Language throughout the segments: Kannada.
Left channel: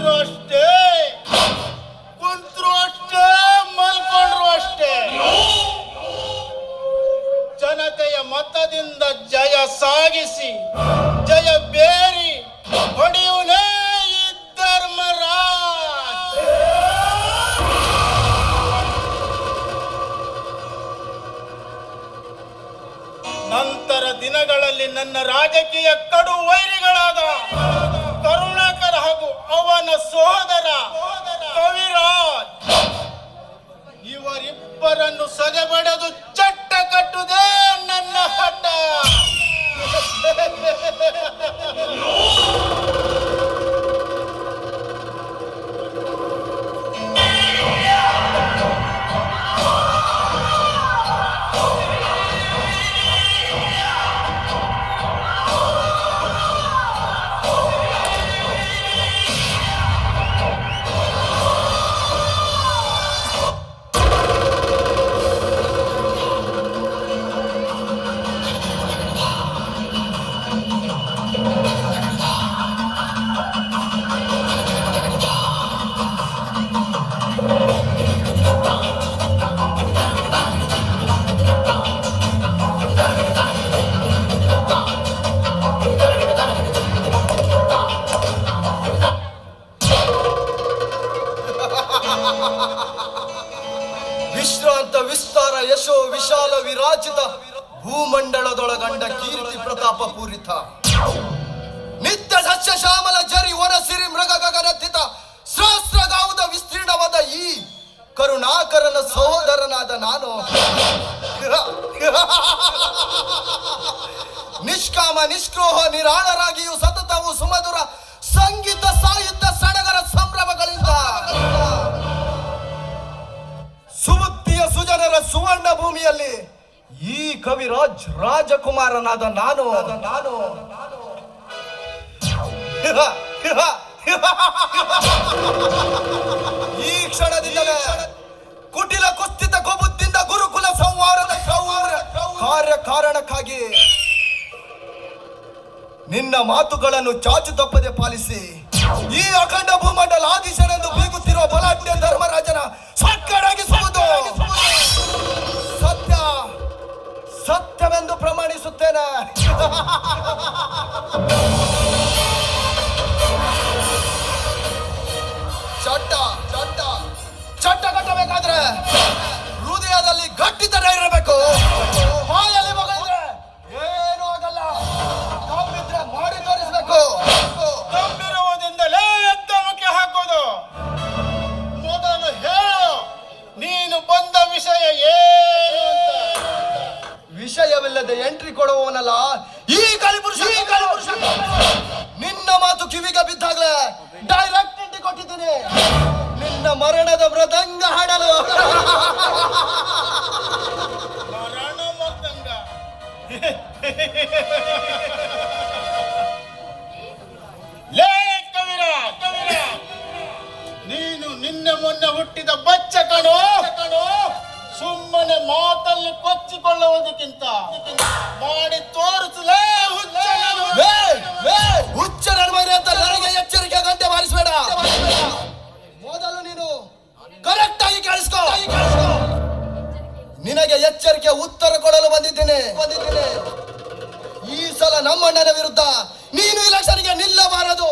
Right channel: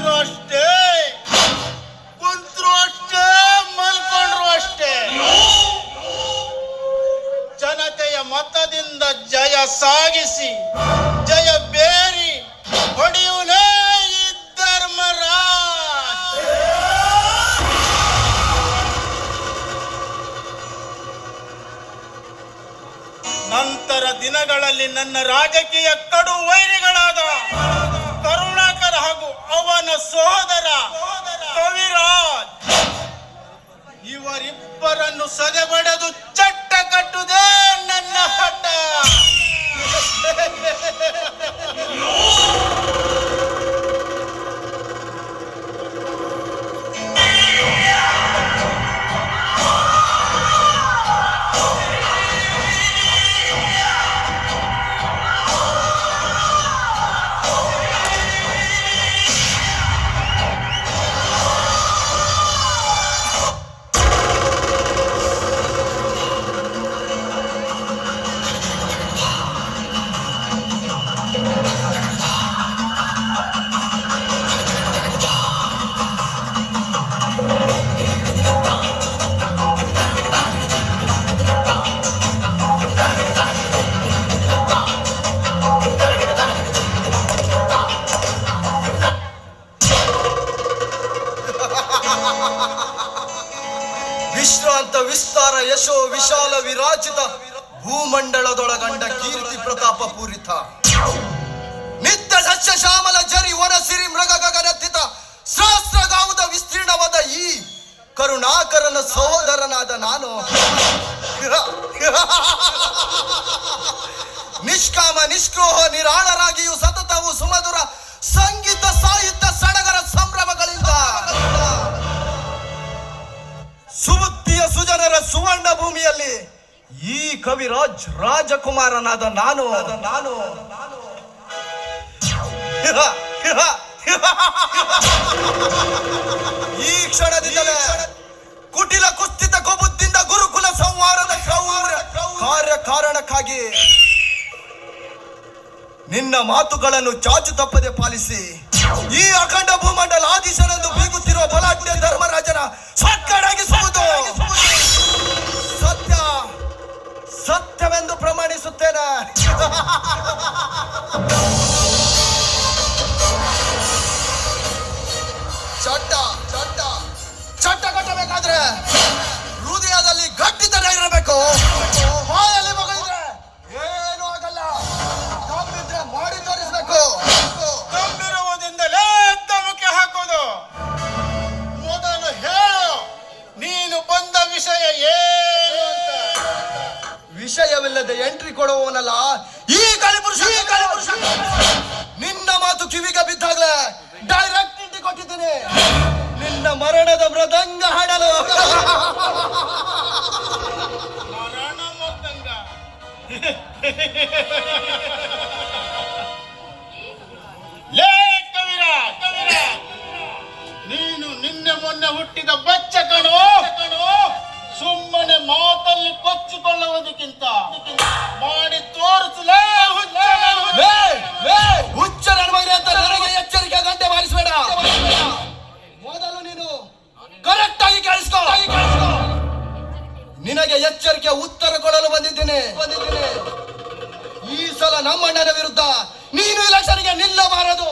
ಇದ್ರು ಅಷ್ಟೇ, ಕುಂತ್ರು ಅಷ್ಟೇ, ಮಲ್ಕೊಂಡ್ರು ಅಷ್ಟೇ. ಜನತೆಯ ಮತದಿಂದ ಜಯ ಸಾಗಿಸಿ ಜಯ ಬೇರಿ ಹೊಡೆಯುವನೇ ಈ ಧರ್ಮರಾಜ್. ನಂತರ ದಿನಗಳಲ್ಲಿ ನನ್ನ ರಾಜಕೀಯ ಕಡು ವೈರಿಗಳಾದ ಕರುಣಾಕರ ಹಾಗೂ ಅವನ ಸೋದರ ಕವಿರಾಜ್ ಇವರಿಬ್ಬರನ್ನು ಸದೆಬಡೆದು ಚಟ್ಟ ಕಟ್ಟುವುದೇ ನನ್ನ ಹಠ. ವಿಶ್ರಾಂತ ವಿಸ್ತಾರ ಯಶೋ ವಿಶಾಲ ವಿರಾಜಿತ ಭೂಮಂಡಲದೊಳಗಂಡ ಕೀರ್ತಿ ಪ್ರತಾಪ ಪೂರಿತ ನಿತ್ಯ ಸಸ್ಯ ಶ್ಯಾಮಲ ಜರಿ ವನ ಸಿರಿ ಮೃಗ ಗಗನತ್ತಿತ ಸಹಸ್ರ ಗಾವುದ ವಿಸ್ತೀರ್ಣವಾದ ಈ ಕರುಣಾಕರನ ಸಹೋದರನಾದ ನಾನು ನಿಷ್ಕಾಮ ನಿಷ್ಕ್ರೋಹ ನಿರಾಳರಾಗಿಯೂ ಸತತವು ಸುಮಧುರ ಸಂಗೀತ ಸಾಹಿತ್ಯ ಸಡಗರ ಸಂಭ್ರಮಗಳಿಂದ ಸುಬುದ್ಧಿಯ ಸುಜನರ ಸುವರ್ಣ ಭೂಮಿಯಲ್ಲಿ ಈ ಕವಿರಾಜ್ ರಾಜಕುಮಾರನಾದ ನಾನು ಈ ಕ್ಷಣದಿಂದಲೇ ಕುಟಿಲ ಕುಸ್ಥಿತ ಕೊಬುದ್ದಿಂದ ಗುರುಕುಲ ಸಂಹಾರದ ಕಾರ್ಯ ಕಾರಣಕ್ಕಾಗಿ ನಿನ್ನ ಮಾತುಗಳನ್ನು ಚಾಚು ತಪ್ಪದೆ ಪಾಲಿಸಿ ಈ ಅಖಂಡ ಭೂಮಂಡಲ ಆದಿಶನೆಂದು ಬೀಗುತ್ತಿರುವ ಬಲಾಢ್ಯ ಧರ್ಮರಾಜನ ಸಕ್ಕಡಾಗಿಸುವುದು ಸತ್ಯವೆಂದು ಪ್ರಮಾಣಿಸುತ್ತೇನೆ. ಚಟ್ಟ ಕಟ್ಟಬೇಕಾದ್ರೆ ಹೃದಯದಲ್ಲಿ ಗಟ್ಟಿತನ ಇರಬೇಕು. ಬಾಯಲ್ಲಿ ಮಗಳಿದ್ರೆ ಏನೂ ಆಗಲ್ಲ. ದಮ್ಮಿದ್ರೆ ಮಾಡಿ ತೋರಿಸ್ಬೇಕು. ದಮ್ಮಿರುವುದರಿಂದಲೇ ದಮಕ್ಕೆ ಹಾಕೋದು. ಮೊದಲು ಹೇಳು, ನೀನು ಬಂದ ವಿಷಯ ಏನು ಅಂತ. ವಿಷಯವಿಲ್ಲದೆ ಎಂಟ್ರಿ ಕೊಡುವವನಲ್ಲ ಈ ಕಲಿಪುರುಷ. ನಿನ್ನ ಮಾತು ಕಿವಿಗೆ ಬಿದ್ದಾಗಲೇ ಡೈರೆಕ್ಟ್ ಎಂಟ್ರಿ ಕೊಟ್ಟಿದ್ದೀನಿ. ನಿನ್ನ ಮರಣದ ಮೃದಂಗ ಹಾಡಲು. ಮರಣ ಮೃದಂಗ. ಲೇ ಕವಿರಾಜ್, ನೀನು ನಿನ್ನೆ ಮೊನ್ನೆ ಹುಟ್ಟಿದ ಬಚ್ಚ ಕಣೋ. ಸುಮ್ಮನೆ ಮಾತಲ್ಲಿ ಕೊಚ್ಚಿಕೊಳ್ಳುವುದಕ್ಕಿಂತ ಮಾಡಿ ತೋರಿಸಲೇ ಹುಚ್ಚ ನರ್ಮನೆ ಅಂತ ನನಗೆ ಎಚ್ಚರಿಕೆ ಗಂಟೆ ಬಾರಿಸಬೇಡ. ಮೊದಲು ನೀನು ಕರೆಕ್ಟ್ ಆಗಿ ಕೇಳಿಸ್ಕೊ. ನಿನಗೆ ಎಚ್ಚರಿಕೆ ಉತ್ತರ ಕೊಡಲು ಬಂದಿದ್ದೇನೆ. ಈ ಸಲ ನಮ್ಮಣ್ಣನ ವಿರುದ್ಧ ನೀನು ಇಲೆಕ್ಷನ್ಗೆ ನಿಲ್ಲಬಾರದು.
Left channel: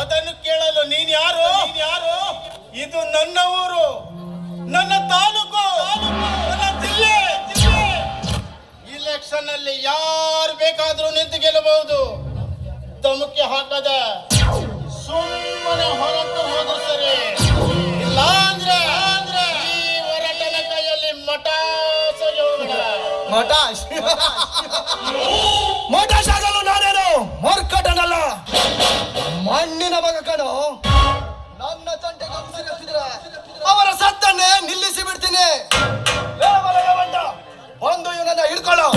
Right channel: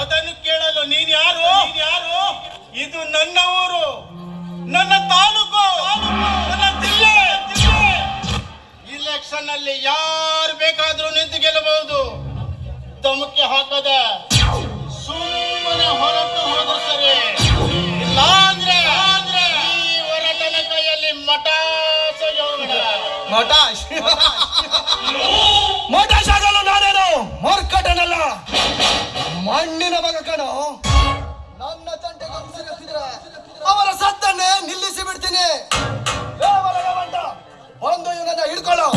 ಅದನ್ನು ಕೇಳಲು ನೀನು ಯಾರು? ಇದು ನನ್ನ ಊರು, ನನ್ನ ತಾಲೂಕು, ನನ್ನ ಜಿಲ್ಲೆ. ಇಲೆಕ್ಷನ್ ಅಲ್ಲಿ ಯಾರು ಬೇಕಾದ್ರೂ ನಿಂತು ಗೆಲ್ಲಬಹುದು. ಧಮಕಿ ಹಾಕದ ಸುಮ್ಮನೆ ಹೊರಟು ಹೋದು ಸರಿ. ಇಲ್ಲ ಅಂದ್ರೆ ಈ ಹೊರಟನ ಕೈಯಲ್ಲಿ ಮಟಾಶ್ ಆಗಲು ನಾನೇನು ಮರ್ಕಟನಲ್ಲ, ಮಣ್ಣಿನ ಮಗ ಕಣೋ. ನನ್ನ ತಂಟೆಗೆ ಉಸಿರೆತ್ತಿದ್ರೆ ಅವರ ಸತ್ತನ್ನೇ ನಿಲ್ಲಿಸಿ ಬಿಡ್ತೀನಿ. ಒಂದು ಇವನನ್ನ ಹಿಡ್ಕೊಳ್ಳೋ.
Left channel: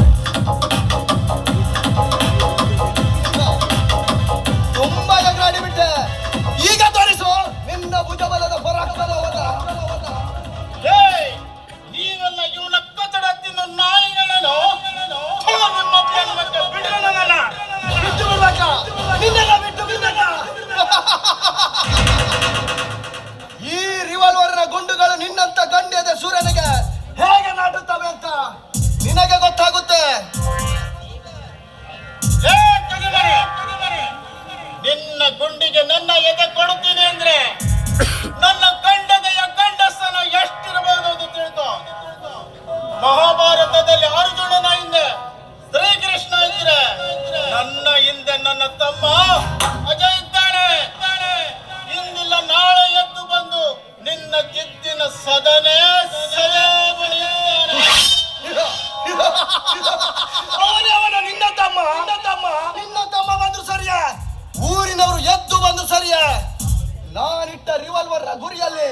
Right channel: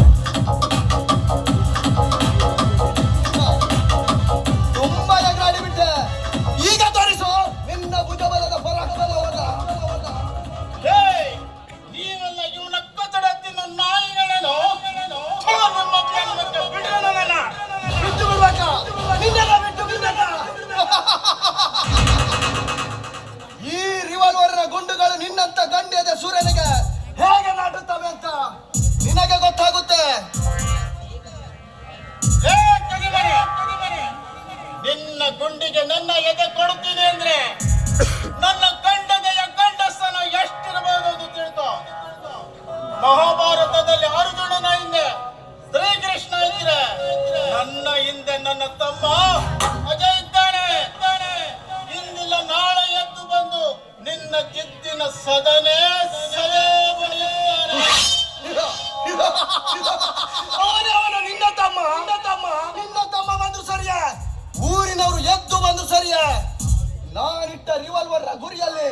ತುಂಬಾ ಎಗರಾಡಿ ಬಿಟ್ಟೆ. ಈಗ ತೋರಿಸು ನಿನ್ನ ಭುಜಬಲದ ಪರಾಕ್ರಮದ. ನೀವೆಲ್ಲ ಇವನ ಕಚಡ ತಿನ್ನು ನಾಯಿಗಳೇನೋ. ನಿಮ್ಮ ಬಿಟ್ಟು ಬಿಡ್ಬೇಕಾ? ನಿನ್ನೆಲ್ಲ ಬಿಟ್ಟು ಬಿಡ್ಬೇಕಾ? ನಿನ್ನಂತ ಗಣ್ಯದ ಸೂರ್ಯನಿಗೆ ಹೇಗೆ ನಾಟುತ್ತವೆ ಅಂತ ನಿನಗೆ ಗೊತ್ತಾಗುತ್ತೆ. ಏ ಕಡಿಮರೆ, ನಿನ್ನ ಗುಂಡಿಗೆ ನನ್ನ ಎದೆ ಕೊಡುತ್ತೀನಿ ಅಂದ್ರೆ ನನ್ನ ಗಂಡದೆಯ ಗಂಡಸ್ತನ ಎಷ್ಟಿರಬಹುದು ಅಂತ ತಿಳ್ಕೊ. ಮಹಾಭಾರತದಲ್ಲಿ ಅರ್ಜುನನ ಹಿಂದೆ ಶ್ರೀಕೃಷ್ಣ ಇದ್ರೆ, ನನ್ನ ಹಿಂದೆ ನನ್ನ ತಮ್ಮ ಅಜಯ್ ಇದ್ದಾನೆ. ಇಂದಿಲ್ಲ ನಾಳೆ ಎದ್ದು ಬಂದು ನಿನ್ನ ಜಿದ್ದಿನ ಸದನೆ ಸದಾ ಬಳಿಯುತ್ತಾನೆ. ಅವನ ನಿನ್ನ ತಮ್ಮ ಬಂದ್ರು ಸರಿಯೇ, ಊರಿನವರು ಎದ್ದು ಬಂದು ಸರಿಯೇ. ನಾನಿಟ್ಟ ರಿವಾಲ್ವರ್ ಗುರಿಯಲ್ಲಿ